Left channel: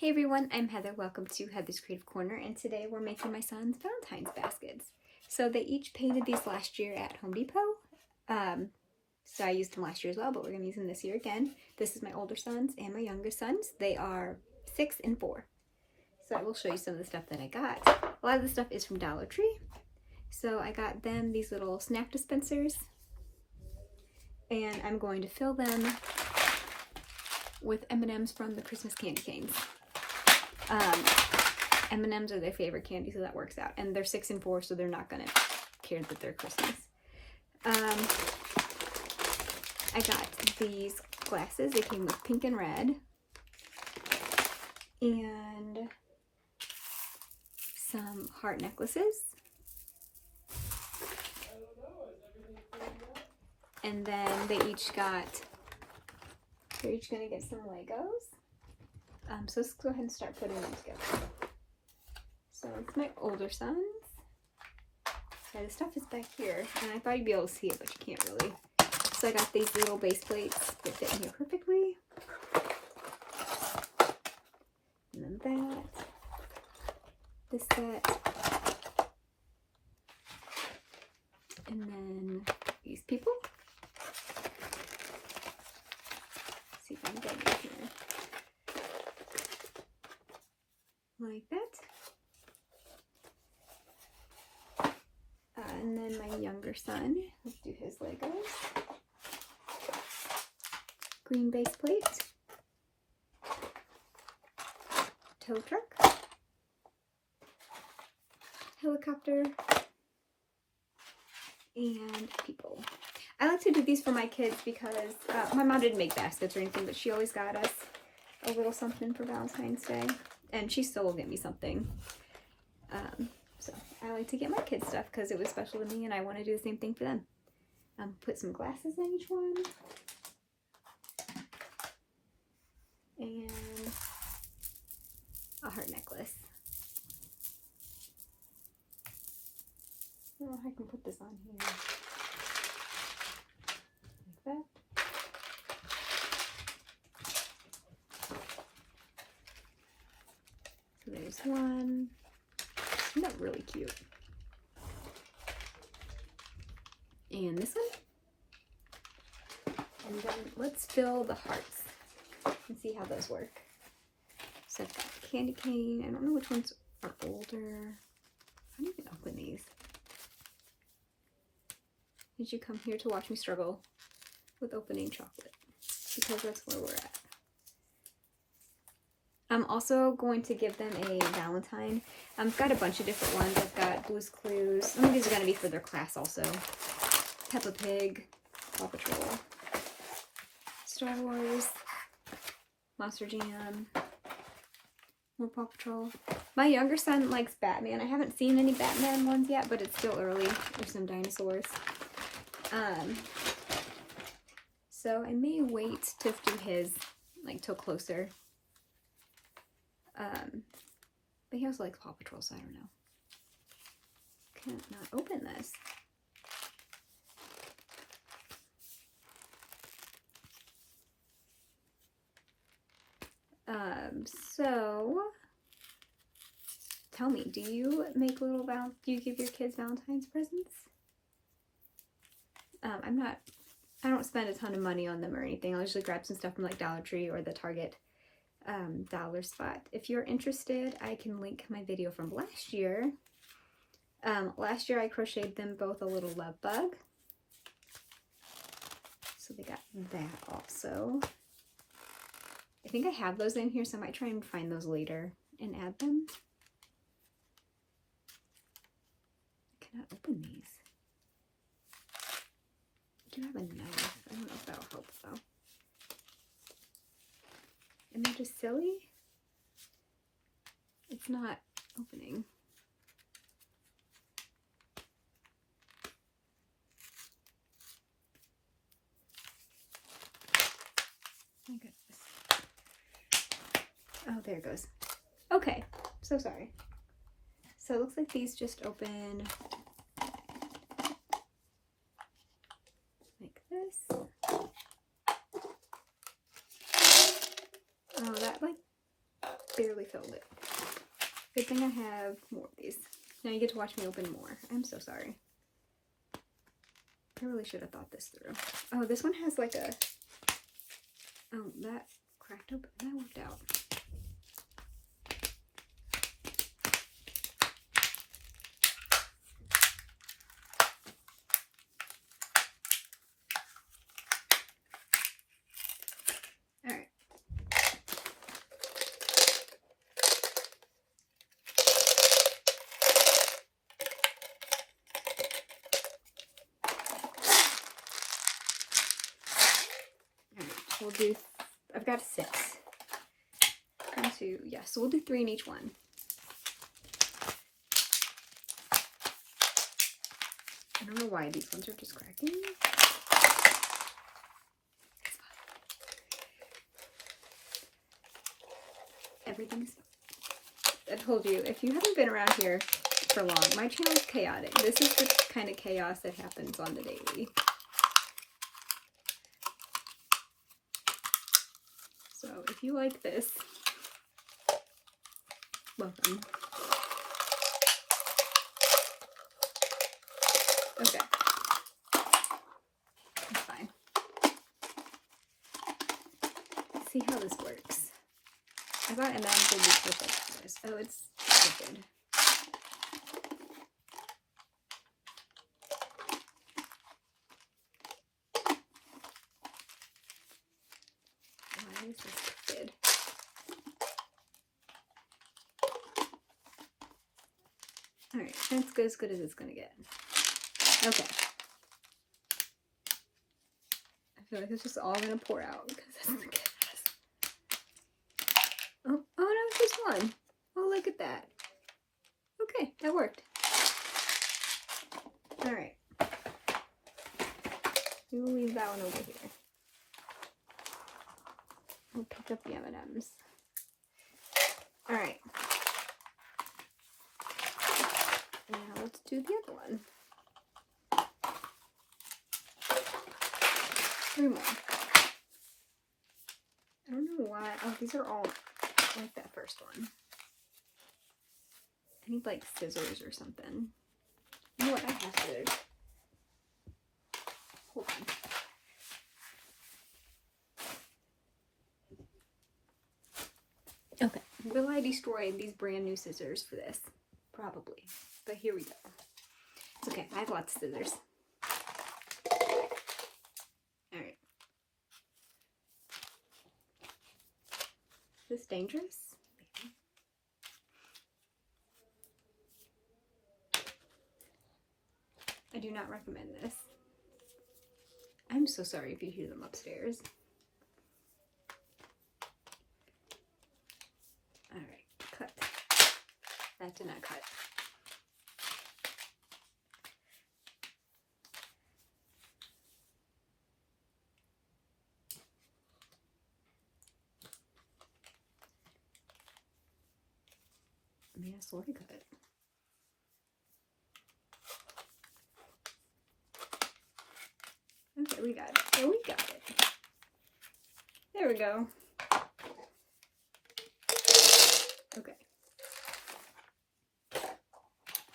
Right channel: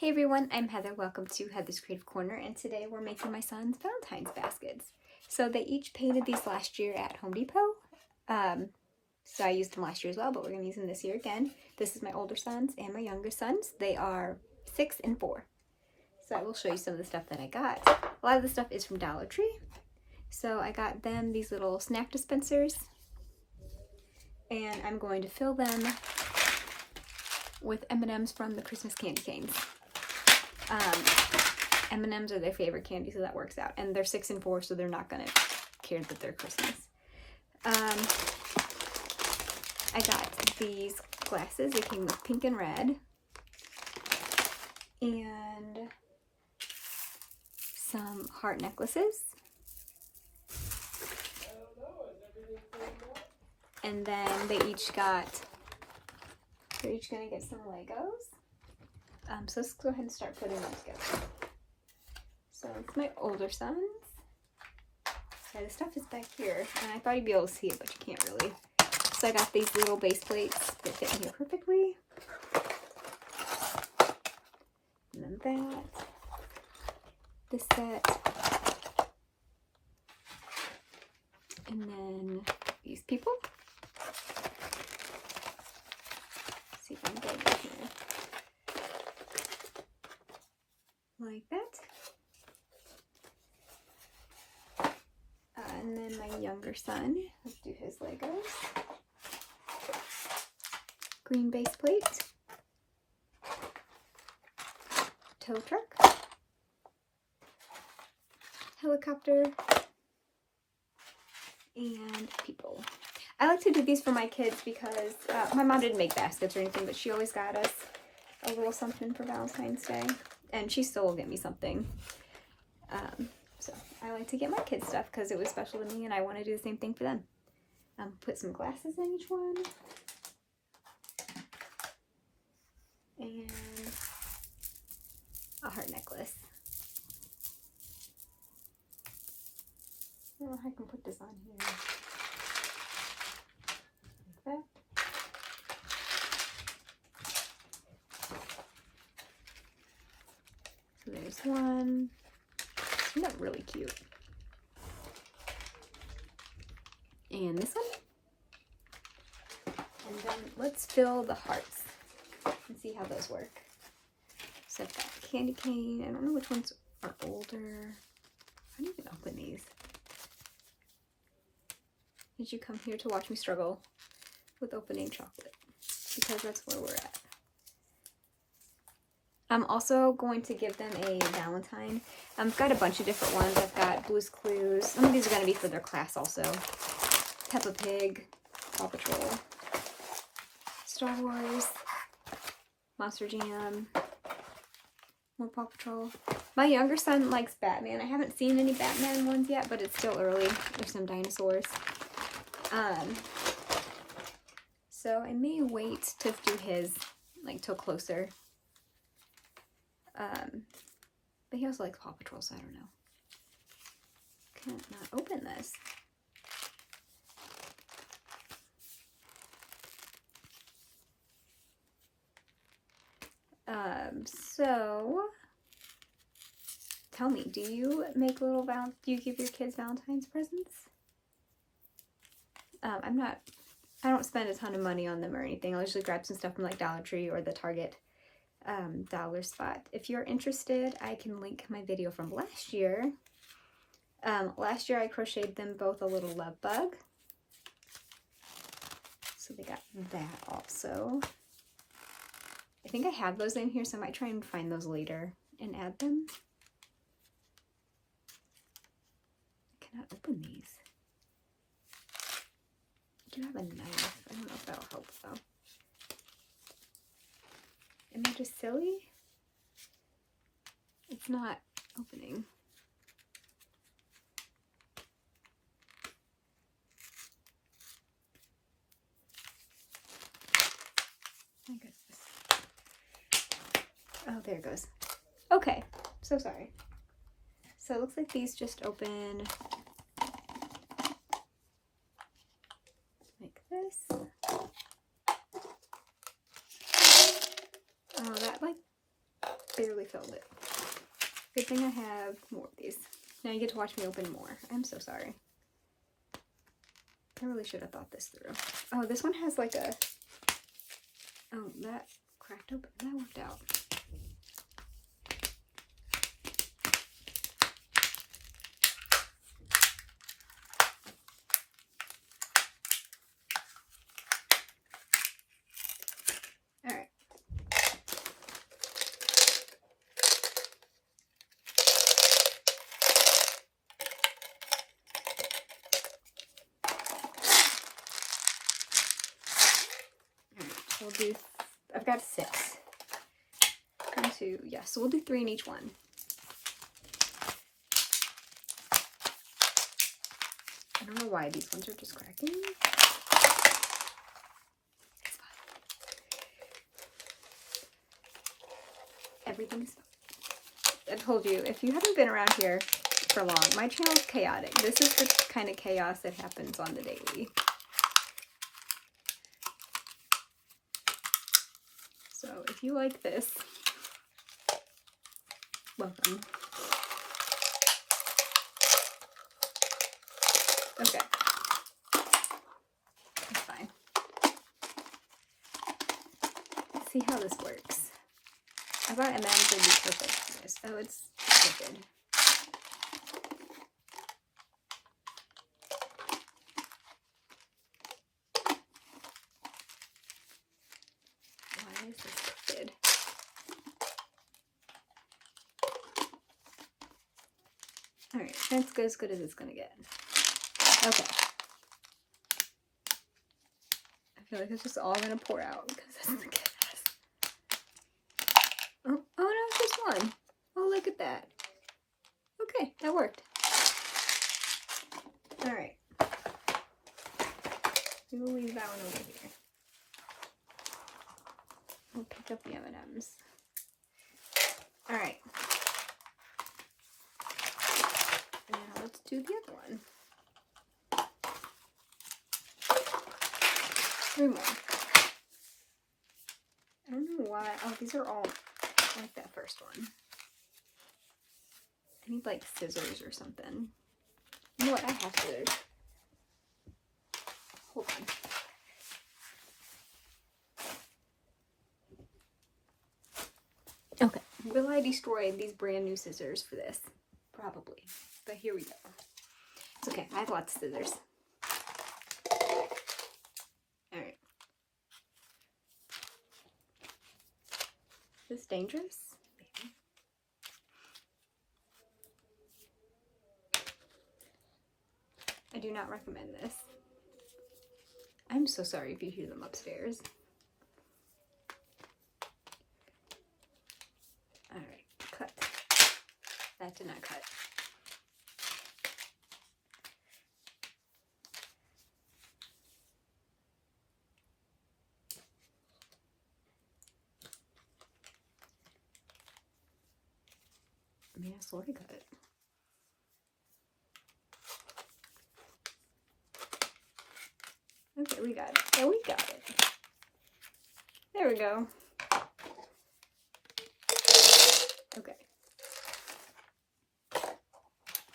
Hey everyone, I'm Heather. Welcome to Heather's Creative Corner, and today we're making my son's Valentine's baskets. So they each painted these last year at Home Depot. So I used them last year as well, but we're going to use them this year again. This is my older sons and my younger sons. They are 6 and 4. So I will show you some of the stuff that I got. A lot of the stuff is from Dollar Tree. So I got them these little snack dispensers, and I'm going to fill them with M&Ms from the Christmas candy canes. M&Ms are their favorite candy, so that works out. And they're 6 and 4, so they're not gonna care that they're Christmas. I got these glasses. They came with pink and red. And some heart necklaces. And then they're each gonna get some Legos. So let's go ahead and start putting them together. So it's my older sons. So the stuff is back here, and I thought you'd be able to see it, but you can't really. So I got these little base plates that fit in here perfectly. And then that. This set. And then these people. Let's see if I'm getting it here. Like that. And then my younger son, let's do his Legos. Green base plate. Tow truck. Helicopter. And people. I like to do these for my kids because my mom didn't make baskets or anything, but she always got us a little something for Valentine's Day. And she still will get me something. So I like to get my kids stuff because it was special to me and I want to do the same thing for them. Put some glasses in each one. And a heart necklace. I don't know how I can put this on here. Like that. So there's one. Isn't that really cute? And this one. And then let's fill the hearts and see how those work. So I've got the candy cane. I don't know which ones are older. I didn't even open these. Did you come here to watch me struggle with opening chocolate? Because that's where we're at. I'm also going to give them a Valentine. I've got a bunch of different ones. I've got Blue's Clues. Some of these are going to be for their class also. Peppa Pig, Paw Patrol, Star Wars, Monster Jam, more Paw Patrol. My younger son likes Batman. I haven't seen any Batman ones yet, but it's still early. There's some dinosaurs. So I may wait to do his, like, till closer. But he also likes Paw Patrol, so I don't know. Can't not open this. So tell me, do you make do you give your kids Valentine's presents? I don't spend a ton of money on them or anything. I'll usually grab some stuff from like Dollar Tree or the Target dollar spot. If you're interested, I can link my video from last year. Last year I crocheted them both a little love bug. So they got that also. I think I have those in here, so I might try and find those later and add them. I cannot open these. I do have a knife. I don't know if that'll help though. Am I just silly? It's not opening. My goodness. Oh, there it goes. Okay, so sorry. So it looks like these just open like this. Oh, that like barely filled it. Good thing I have more of these. Now you get to watch me open more. I'm so sorry. I really should have thought this through. Oh, this one has like a... Oh, that cracked open. That worked out. Alright. We'll do, I've got 6. 1, 2, yeah, so we'll do 3 in each one. I don't know why these ones are just cracking. Everything's, I told you, if you haven't been around here for long, my channel's chaotic. This is the kind of chaos that happens on the daily. So if you like this, welcome. Okay. That's fine. Let's see how this works. I thought Imagine would be perfect for this. Oh, it's crooked. Why is this crooked? Alright, that's as good as it's gonna get. Okay. I feel like it's just all gonna pour out because that's the chaos. Oh no, it's just one. Oh, look at that. Okay, that worked. Alright. We will leave that one over here. We'll pick up the M&Ms. Alright. Now let's do the other one. 3 more. I don't know why. Oh, these are all like that first one. I need like scissors or something. You know what? I have scissors. Hold on. Okay. Will I destroy these brand new scissors for this? Probably. But here we go. It's okay. I have lots of scissors. Alright. Is this dangerous? Maybe. I do not recommend this. I'm so sorry if you hear them upstairs. Alright, cut. That did not cut. I mean, I sort of cut it. Okay, we got it. Oh, we got it. There we go. Okay.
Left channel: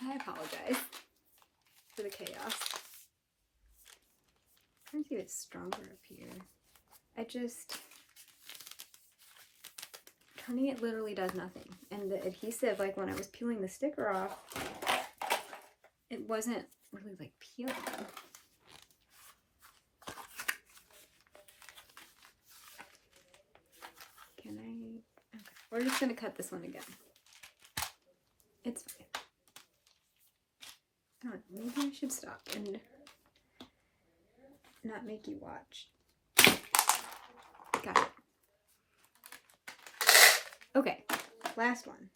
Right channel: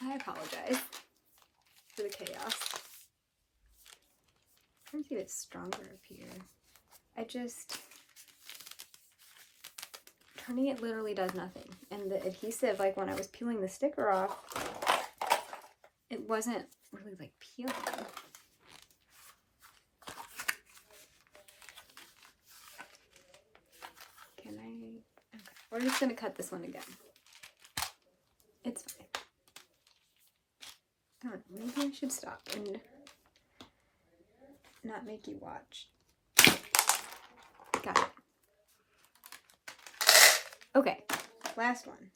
I apologize for the chaos. I'm trying to see if it's stronger up here. Turning it literally does nothing. And the adhesive, like when I was peeling the sticker off, it wasn't really like peeling. Can I? Okay. We're just gonna cut this one again. It's fine. Alright, maybe I should stop and not make you watch. Got it. Okay, last one.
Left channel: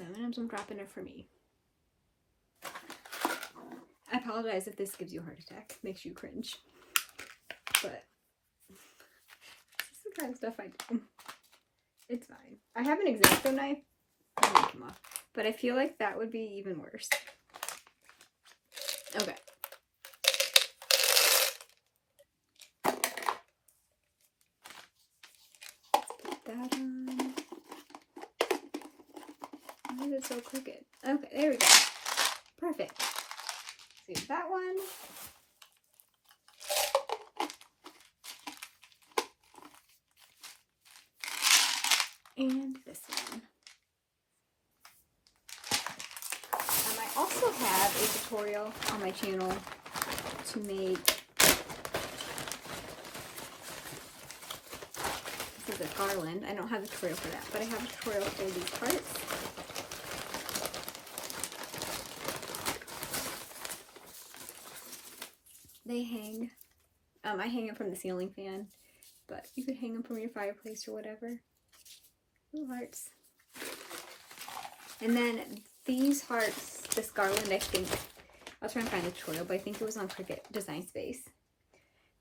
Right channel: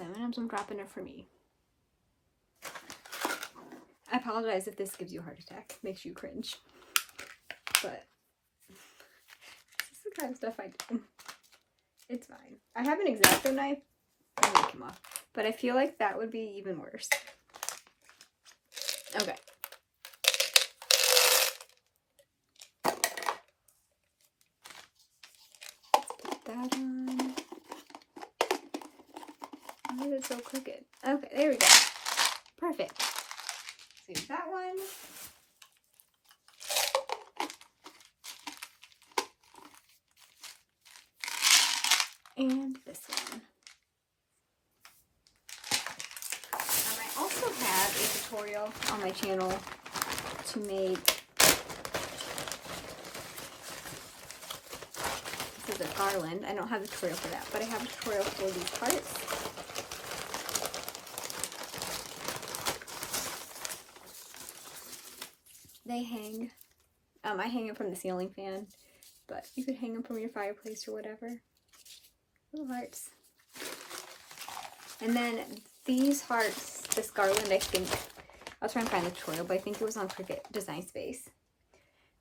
M&Ms, I'm dropping it for me. I apologize if this gives you a heart attack, makes you cringe. But this is the kind of stuff I do. It's fine. I have an X-Acto knife. I need them off. But I feel like that would be even worse. Okay. that on. Why is it so crooked? Okay, there we go. Perfect. Let's do that one. And this one. I also have a tutorial on my channel to make, this is a garland. I don't have a tutorial for that, but I have a tutorial for these parts. They hang, I hang them from the ceiling fan, but you could hang them from your fireplace or whatever. Little hearts. And then these hearts, this garland, I think, I'll try and find a tutorial, but I think it was on Cricut Design Space.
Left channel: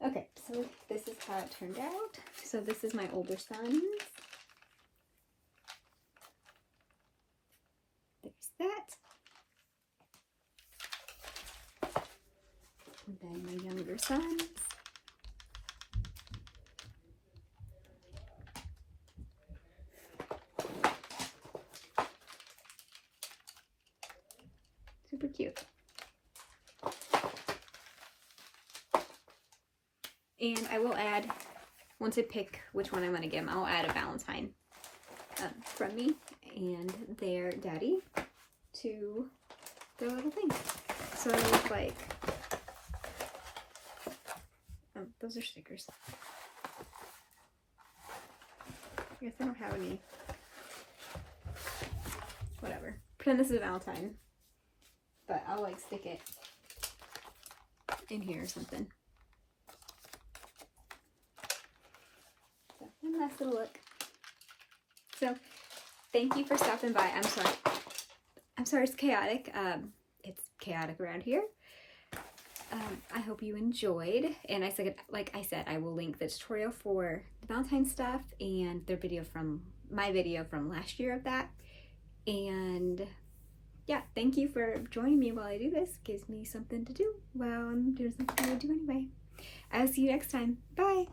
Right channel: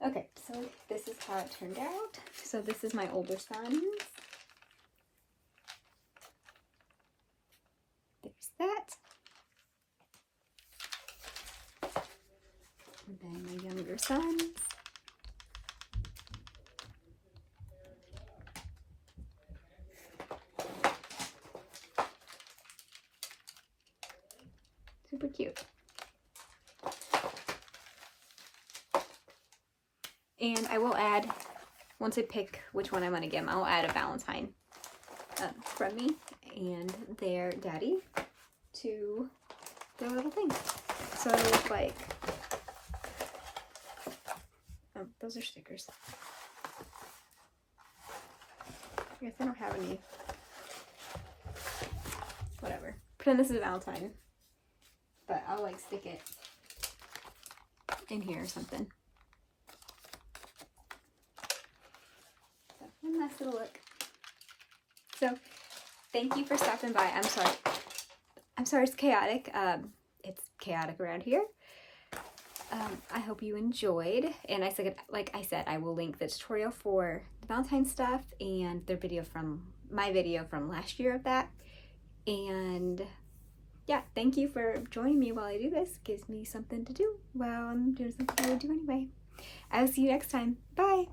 Okay, so this is how it turned out. So this is my older son's. There's that. And then my younger son's. Super cute. And I will add, once I pick which one I'm going to give them, I'll add a Valentine from me and their daddy to their little thing. So I look like, those are stickers. I guess I don't have any, whatever. Pretend this is a Valentine. But I'll like stick it in here or something. So, one last little look. So, thank you for stopping by. I'm sorry it's chaotic. It's chaotic around here. I hope you enjoyed. And like I said, I will link the tutorial for the Valentine stuff and their video from my video from last year of that. And yeah, thank you for joining me while I do this. Gives me something to do while I'm doing something I do anyway. I'll see you next time. Bye!